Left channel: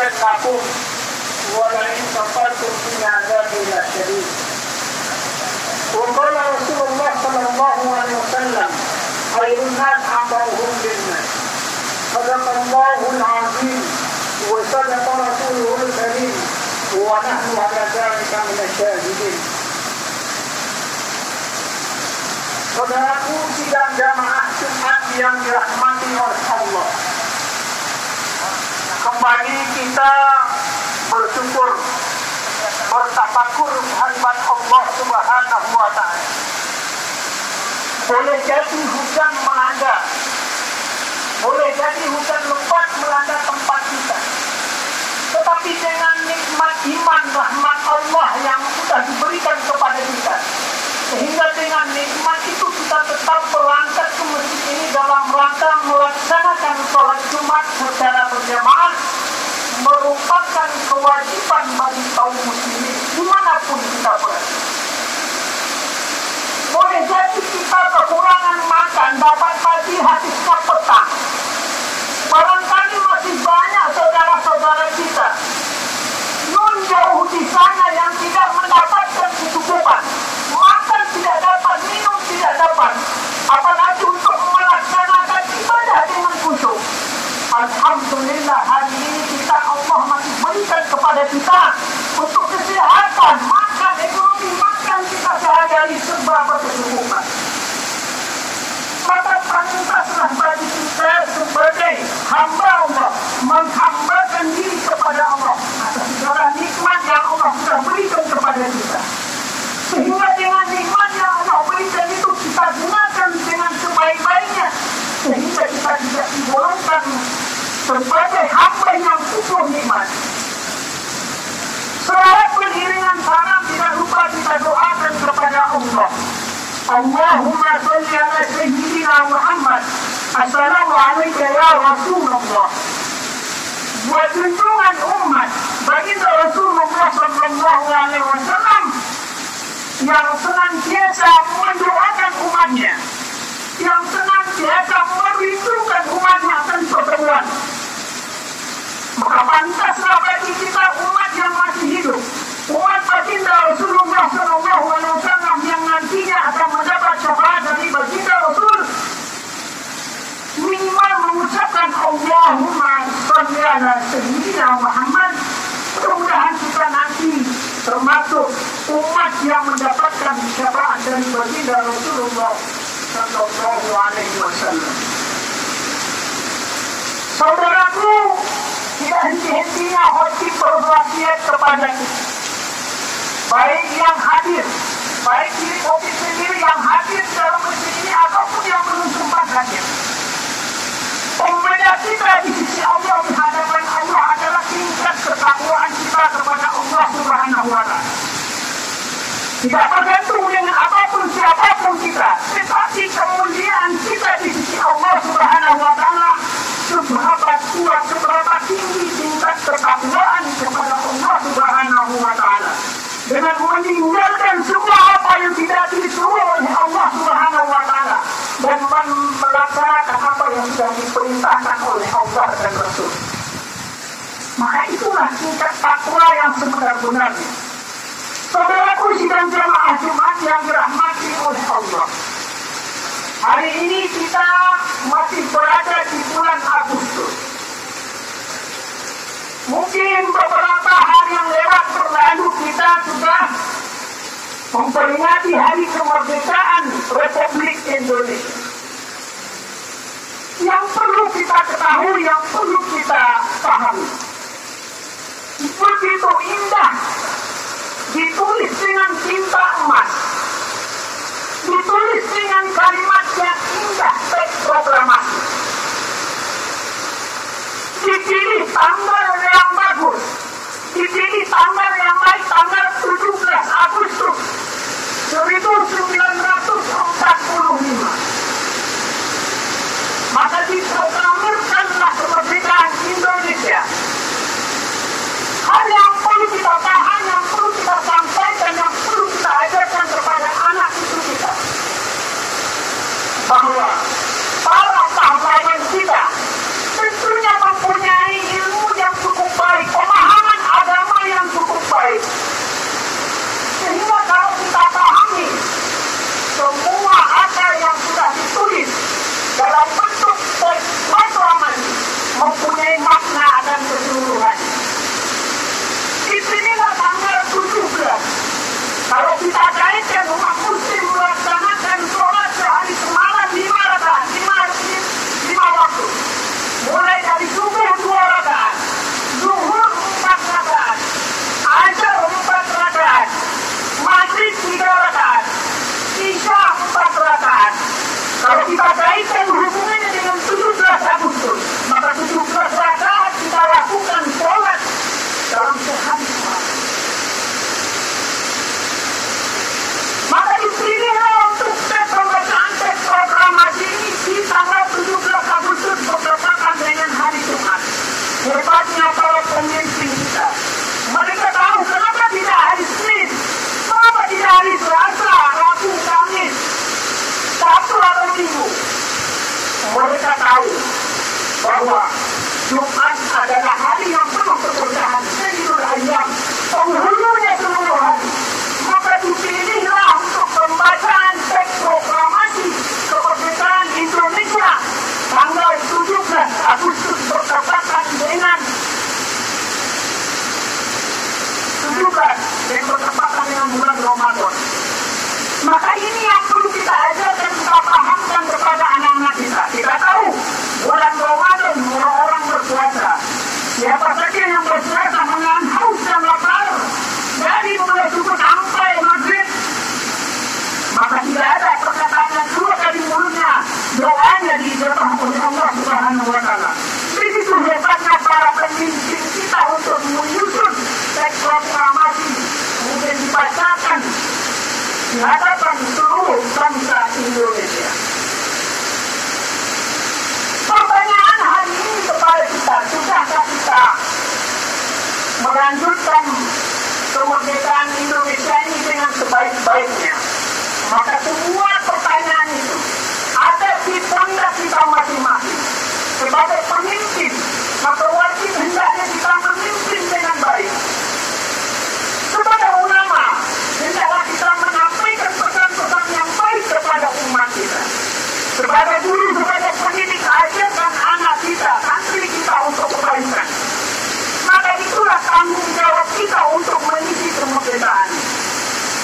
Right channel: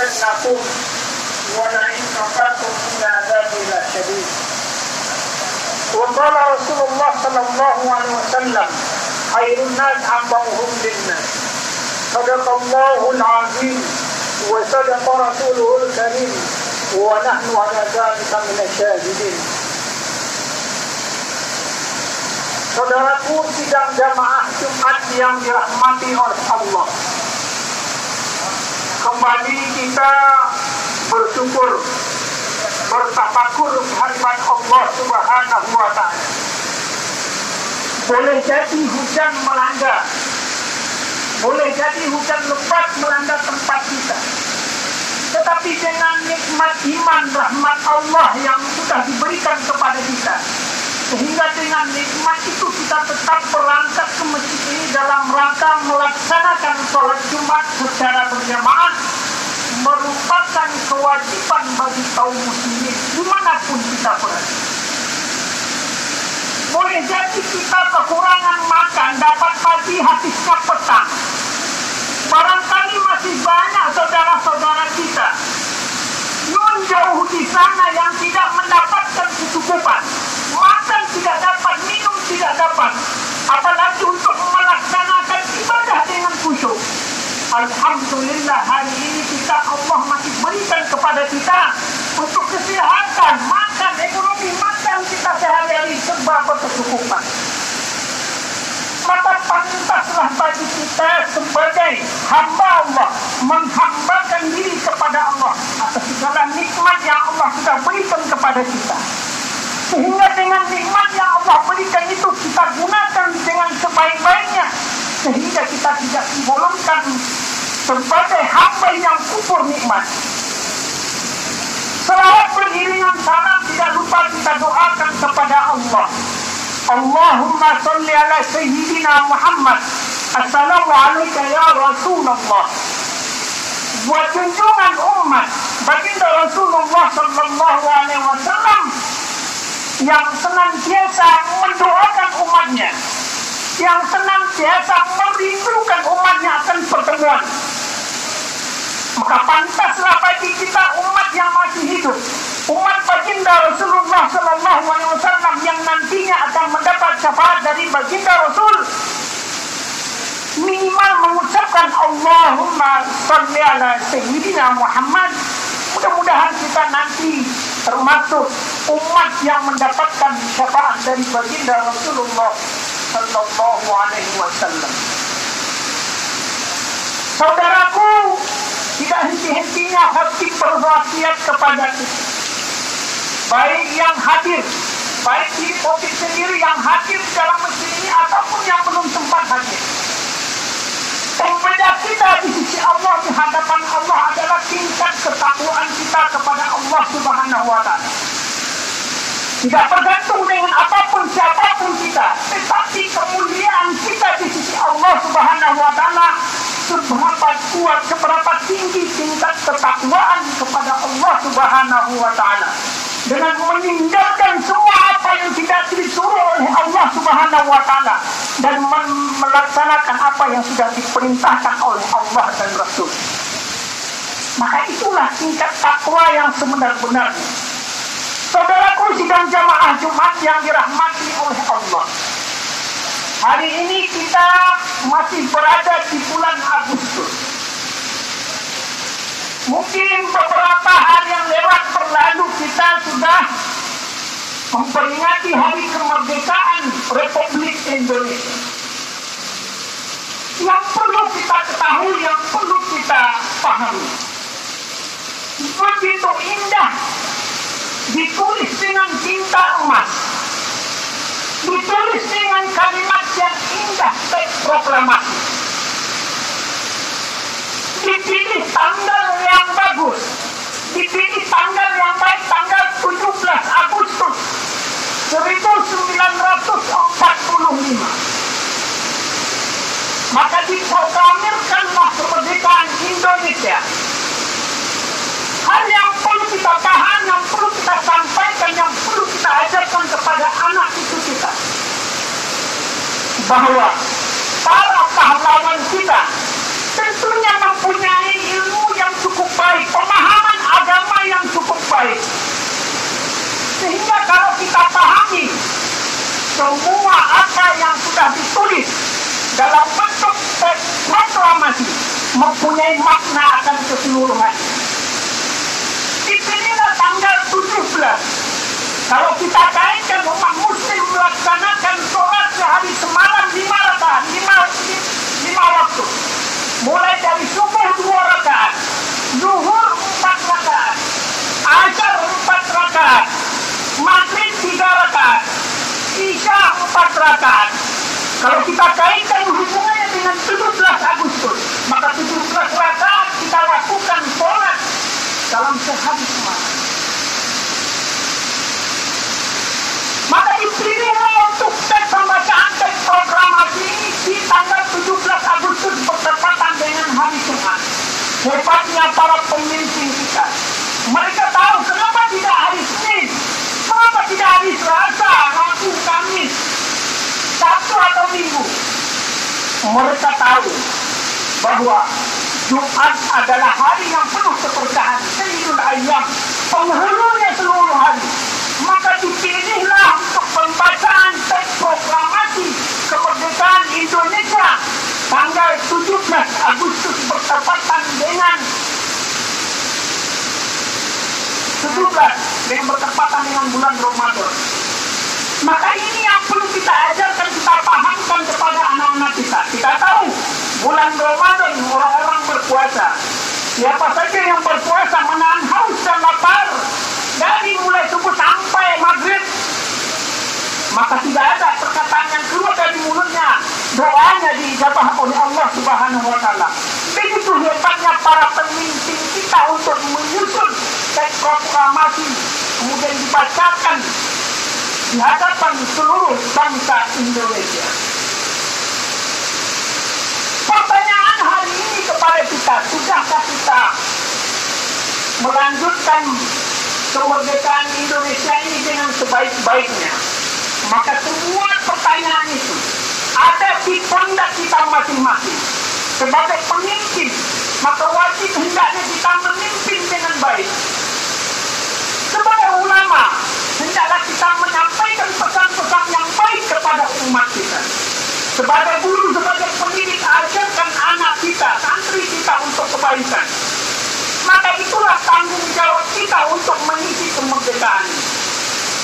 azidannakum wa la in kafartum inna adzabi lasyadid. Wa qala Rasulullah sallallahu alaihi wasallam khairun nas anfa'uhum lin-nas. Sadaqallahul azim wa sadaqa rasuluhul karim wa nahnu ala dzalika minasyahidin. Saudaraku sidang jamaah Jumat yang dirahmati oleh Allah, kembali kita bersyukur, bertafakur kehadiran Allah Subhanahu wa ta'ala. Boleh jadi hujan melanda, boleh jadi hujan lebat melanda tempat kita, tetapi dengan nikmat iman rahmat Allah yang sudah diberikan kepada kita, sehingga dengan nikmat itu kita tetap berangkat ke masjid ini dalam rangka melaksanakan sholat Jumat secara berjamaah, merupakan kewajiban bagi kaum muslimin dimanapun kita berada. Boleh jadi kita kekurangan makan, dapat pagi habisnya petang. Barangkali masih banyak saudara-saudara kita yang jauh di sana yang tidak mendapatkan kecukupan. Makan tidak dapat, minum tidak dapat, apalagi untuk melaksanakan ibadah dengan khusyuk. Alhamdulillah hari ini kita Allah masih berikan kepada kita untuk kesehatan, makan, ekonomi makan kita sehari-hari serba berkecukupan. Maka pantaslah bagi kita sebagai hamba Allah menghambakan diri kepada Allah atas segala nikmat yang Allah sudah berikan kepada kita, sehingga dengan nikmat yang Allah berikan itu kita gunakan dengan sebaik-baiknya, sehingga kita tidak digolongkan sebagai hamba yang kufur nikmat. Selain beriringan salam, tidak lupa kita doakan kepada Allah. Allahumma salli ala Sayyidina Muhammad. Assalamu alayka ya Rasulullah. Wa junjungan umat baginda Rasulullah sallallahu alaihi wasallam yang senantiasa mendoakan umatnya, yang senantiasa merindukan umatnya akan pertemuan. Maka pantaslah bagi kita umat yang masih hidup, umat baginda Rasulullah sallallahu alaihi wasallam yang nantinya akan mendapat syafaat dari baginda Rasul, minimal mengucapkan Allahumma shalli ala Sayyidina Muhammad. Mudah-mudahan kita nanti termasuk umat yang mendapatkan syafaat dari baginda Rasulullah sallallahu alaihi wasallam. Saudaraku, tidak henti-hentinya hati berwasiat kepada kita, baik yang hadir, baik di topik sendiri yang hadir dalam masjid ini ataupun yang belum sempat hadir. Pembeda kita di sisi Allah, di hadapan Allah adalah tingkat ketakwaan kita kepada Allah Subhanahu wa ta'ala. Tidak bergantung dengan apapun siapapun kita, tetapi kemuliaan kita di sisi Allah Subhanahu wa ta'ala seberapa kuat, seberapa tinggi tingkat ketakwaan kepada Allah Subhanahu wa ta'ala, dengan meninggalkan semua apa yang tidak disuruh oleh Allah Subhanahu wa ta'ala dan melaksanakan apa yang sudah diperintahkan oleh Allah dan Rasul. Maka itulah tingkat takwa yang sebenar-benarnya. Saudaraku sidang jamaah Jumat yang dirahmati oleh Allah, hari ini kita masih berada di bulan Agustus. Mungkin beberapa hari yang lewat berlalu kita sudah memperingati hari kemerdekaan Republik Indonesia. Yang perlu kita ketahui, yang perlu kita pahami, begitu indah, ditulis dengan tinta emas, ditulis dengan kalimat yang indah, teks proklamasi, dipilih tanggal yang bagus, dipilih tanggal yang baik, tanggal 17 Agustus 1945. Maka diproklamirkanlah kemerdekaan Indonesia. Hal yang perlu kita paham, yang perlu kita sampaikan, yang perlu kita ajarkan kepada anak cucu kita, bahwa para pahlawan kita tentunya mempunyai ilmu yang cukup baik, semua apa yang sudah ditulis dalam bentuk proklamasi mempunyai makna akan keseluruhan. Inilah tanggal 17. Kalau kita kaitkan umat muslim melaksanakan sholat sehari semalam 5 rakaat, 5 waktu. Mulai dari subuh 2 rakaat, zuhur 4 rakaat, asar 4 rakaat, maghrib 3 rakaat, isya 4 rakaat. Kalau kita kaitkan hubungannya dengan 17 Agustus, maka 17 rakaat kita lakukan sholat dalam sehari semalam. Maka dipilihlah untuk pembacaan teks proklamasi ini di tanggal 17 Agustus bertepatan dengan hari Jumat. Hebatnya para pemimpin kita. Mereka tahu kenapa tidak hari Senin, kenapa tidak hari Selasa, Rabu, Kamis, Sabtu atau Minggu. Mereka tahu bahwa Jumat adalah hari yang penuh keberkahan, Sayyidul Ayyam, penghulunya seluruh hari. Maka dipilihlah untuk pembacaan teks proklamasi kemerdekaan Indonesia tanggal 17 Agustus bertepatan dengan 17 yang bertepatan dengan bulan Ramadan. Maka ini yang perlu kita ajarkan, kita pahamkan kepada anak-anak kita. Kita tahu bulan Ramadan orang-orang berpuasa. Siapa saja yang berpuasa menahan haus dan lapar dari mulai subuh sampai maghrib, maka tidak ada perkataan yang keluar dari mulutnya, doanya diijabah oleh Allah Subhanahu wa Ta'ala. Begitu hebatnya para pemimpin kita untuk menyusun teks proklamasi, kemudian dibacakan di hadapan seluruh bangsa Indonesia. Pertanyaan hari ini kepada kita, sudahkah kita melanjutkan kemerdekaan Indonesia ini dengan sebaik-baiknya? Maka semua pertanyaan itu ada di pundak kita masing-masing. Sebagai pemimpin, maka wajib hendaknya kita memimpin dengan baik. Sebagai ulama, hendaklah kita menyampaikan pesan-pesan yang baik kepada umat kita. Sebagai guru, sebagai pendidik, ajarkan anak kita, santri kita untuk kebaikan. Maka itulah tanggung jawab kita untuk mengisi kemerdekaan.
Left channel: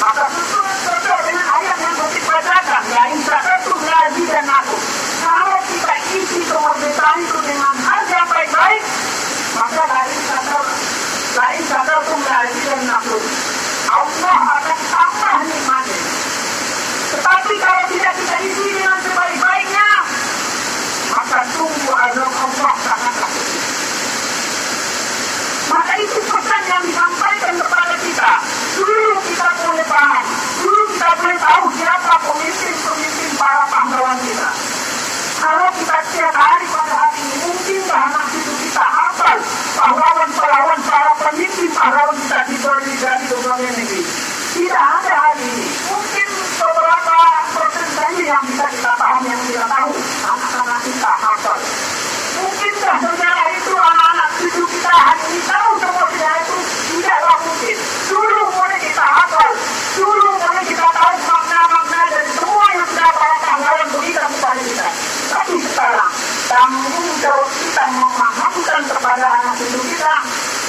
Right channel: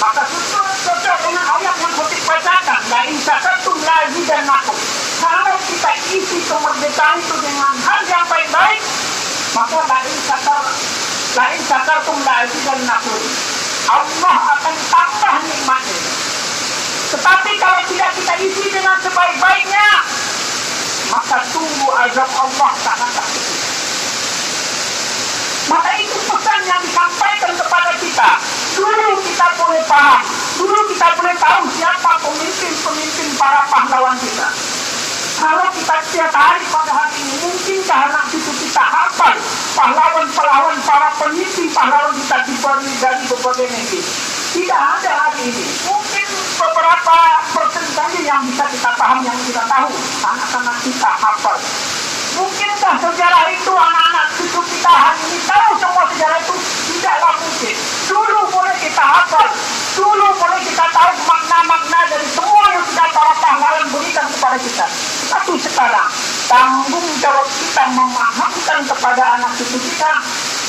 Maka sesuai dengan ayat yang dibacakan, la in syakartum la azidannakum. Kalau kita isi kemerdekaan itu dengan hal yang baik-baik, maka la in syakartum la azidannakum. Allah akan tambah nikmatnya. Tetapi kalau tidak kita isi dengan sebaik-baiknya, maka tunggu azab Allah sangat pedih. Maka itu pesan yang disampaikan kepada kita. Dulu kita boleh paham, dulu kita boleh tahu siapa pemimpin-pemimpin para pahlawan kita. Kalau kita setiap hari pada hari ini, mungkinkah anak cucu kita hafal pahlawan-pahlawan para pemimpin pahlawan kita dari berbagai negeri? Tidak ada hari ini. Mungkin beberapa persen saja yang bisa kita paham, yang kita tahu, anak-anak kita hafal. Mungkinkah sejarah itu anak-anak cucu kita hari ini tahu semua sejarah itu? Tidaklah mungkin. Dulu boleh kita hafal, dulu boleh kita tahu makna-makna dari semua yang sudah para pahlawan berikan kepada kita. Tapi sekarang tanggung jawab kita memahamkan kepada anak cucu kita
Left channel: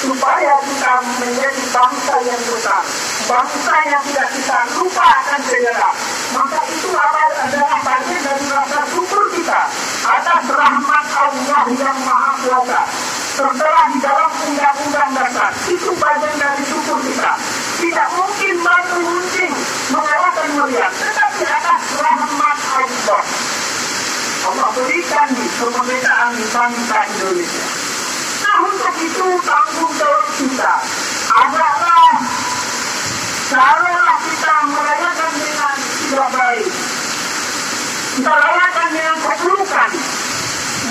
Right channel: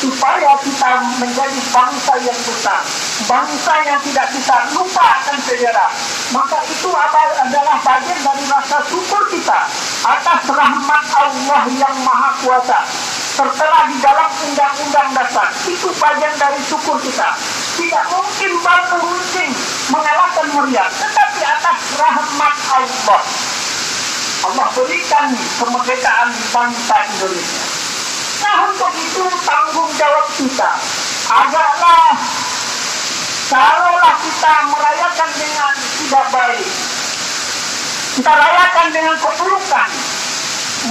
supaya kita menjadi bangsa yang besar, bangsa yang tidak kita lupa akan sejarah. Maka itu adalah bagian dari rasa syukur kita atas rahmat Allah yang Maha Kuasa tertera di dalam undang-undang dasar. Itu bagian dari syukur kita. Tidak mungkin batu runcing mengalahkan meriam, tetapi atas rahmat Allah. Allah berikan kemerdekaan di bangsa Indonesia. Nah, untuk itu tanggung jawab kita adalah kalaulah kita merayakan dengan tidak baik, kita rayakan dengan keburukan,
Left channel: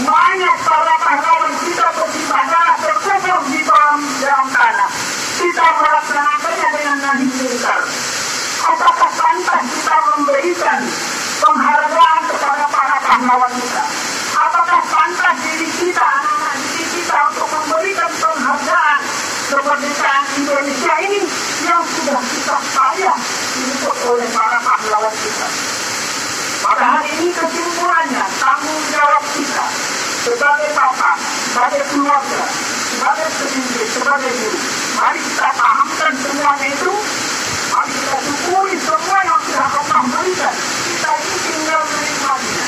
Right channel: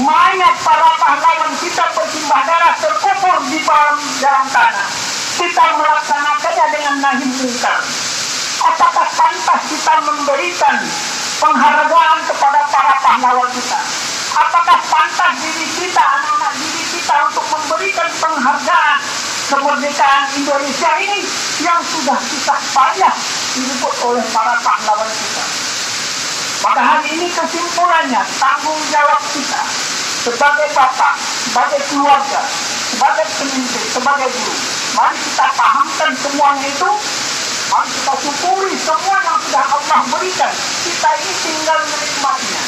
mayat para pahlawan kita bersimbah darah terkubur di dalam tanah, kita melaksanakannya dengan nahi mungkar. Apakah pantas kita memberikan penghargaan kepada para pahlawan kita? Apakah pantas diri kita, anak-anak diri kita untuk memberikan penghargaan kemerdekaan Indonesia ini yang sudah kita payah diliput oleh para pahlawan kita? Maka hari ini kesimpulannya, tanggung jawab kita sebagai bapak, sebagai keluarga, sebagai pemimpin, sebagai guru. Mari kita pahamkan semuanya itu. Mari kita syukuri semua yang sudah Allah berikan. Kita ini tinggal menikmatinya,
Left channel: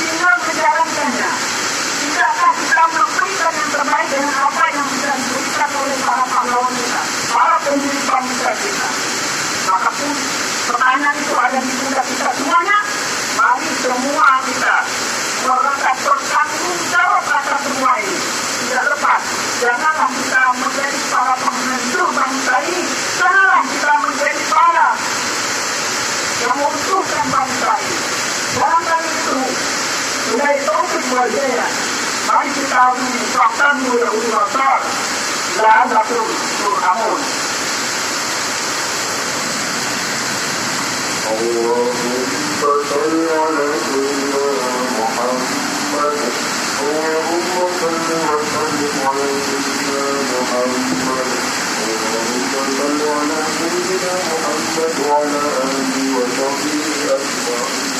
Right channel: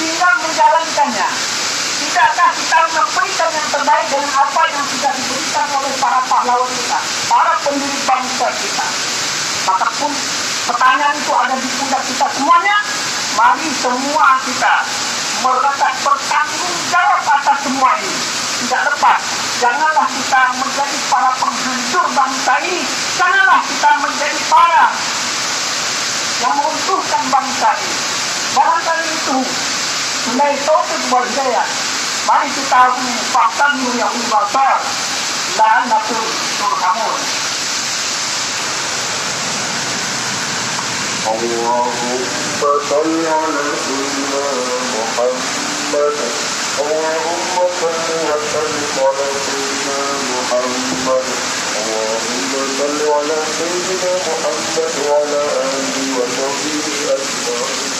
tinggal menjalankannya. Tidakkah kita memberikan yang terbaik dengan apa yang sudah diberikan oleh para pahlawan kita, para pendiri bangsa kita? Maka pun pertanyaan itu ada di pundak kita semuanya. Mari semua kita melekat bertanggung jawab atas semua ini. Tidak lepas. Janganlah kita menjadi para penghancur bangsa ini. Janganlah kita menjadi para yang menguntungkan bangsa ini. Barangkali itu nilai taufik wal hidayah. Mari kita mengucapkan yang besar. La'anatul turhamun. Allahumma salli ala sayyidina Muhammad. Allahumma salli wa sallim ala sayyidina Muhammad. Allahumma salli ala sayyidina Muhammad wa ala alihi wa sahbihi ajma'in.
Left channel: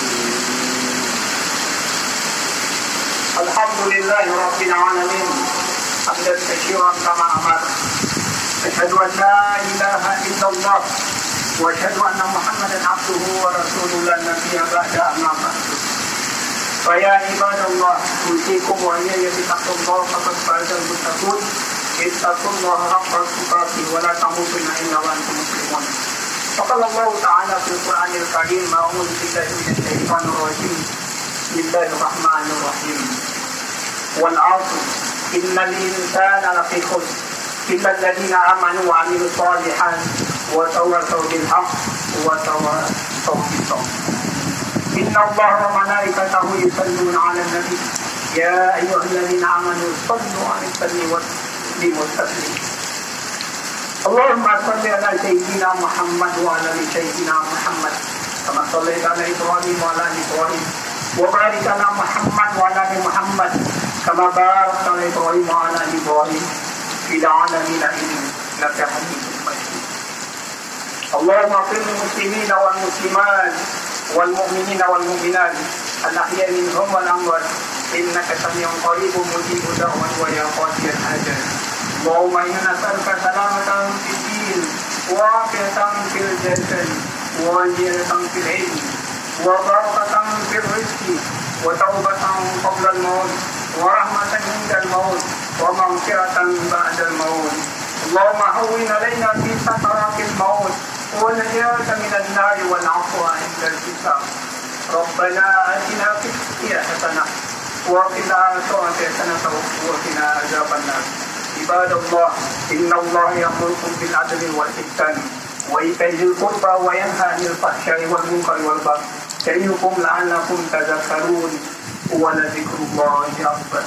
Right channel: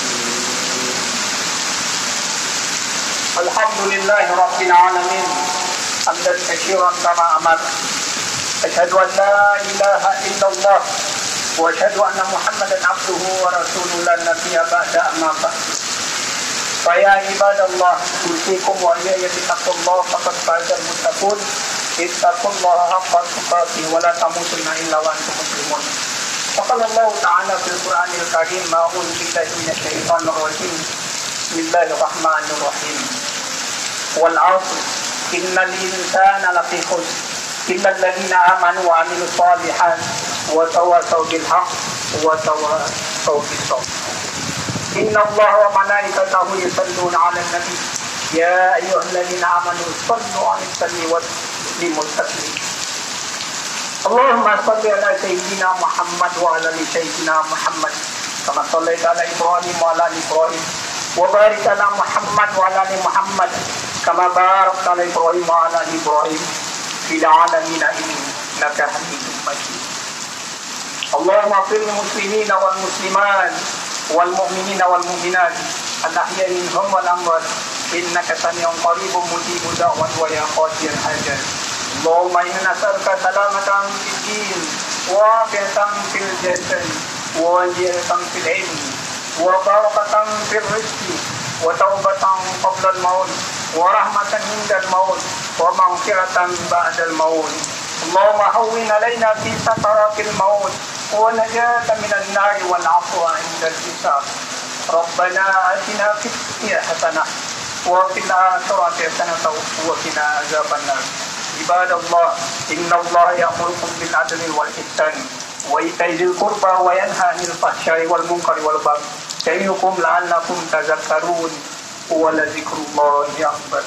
Alhamdulillahi Rabbil Alamin. Hamdan katsiran kama amar. Asyhadu an la ilaha illallah wa asyhadu anna Muhammadan abduhu wa rasuluhu la nabiyya ba'da amma ba'd. Faya ibadallah, usikum wa iyaya bittaqwallah faqad fazal muttaqun. Ittaqullaha haqqa tuqatih wa la tamutunna illa wa antum muslimun. Qala Allah ta'ala fil Qur'anil Karim, a'udzu billahi minasy syaithanir rajim. Bismillahirrahmanirrahim. Wal 'asr innal insana lafi khusr illa alladziina aamanu wa 'amilus shalihaat wa tawassaw bil haqq wa tawassaw bis sabr. Inna Allaha wa malaikatahu yusalluna 'alan nabi ya ayyuhalladziina aamanu sallu 'alaihi wa sallimu taslima. Allahumma shalli 'ala sayyidina Muhammad wa 'ala ali sayyidina Muhammad kama shallaita 'ala Ibrahim wa 'ala ali Ibrahim wa barik 'ala Muhammad wa 'ala ali Muhammad kama barakta 'ala Ibrahim wa 'ala ali Ibrahim fil 'alamin innaka Hamidum Majid. Allahumma ighfir lil muslimina wal muslimat wal mu'minina wal mu'minat al-ahya'i minhum wal amwat innaka sami'un qaribun mujibud da'wat wa ya qadiyal hajat. Allahumma inna nas'aluka salamatan fid din wa afiyatan fil jasad wa ziyadatan fil ilm wa barakatan fil rizqi wa taubatan qabla al-maut wa rahmatan inda al-maut wa maghfiratan ba'da al-maut. Allahumma hawwin 'alaina fi sakaratil maut wa najatan minan nar wal 'afwa 'inda al-hisab. Rabbana atina fid dunya hasanah wa fil akhirati hasanah wa qina adzabannar. Ibadallah, innallaha ya'murukum bil 'adli wal ihsan wa ita'i dzil qurba wa yanha 'anil fahsya'i wal munkari wal baghi ya'idukum la'allakum tadhakkarun wa la dzikrullahi akbar.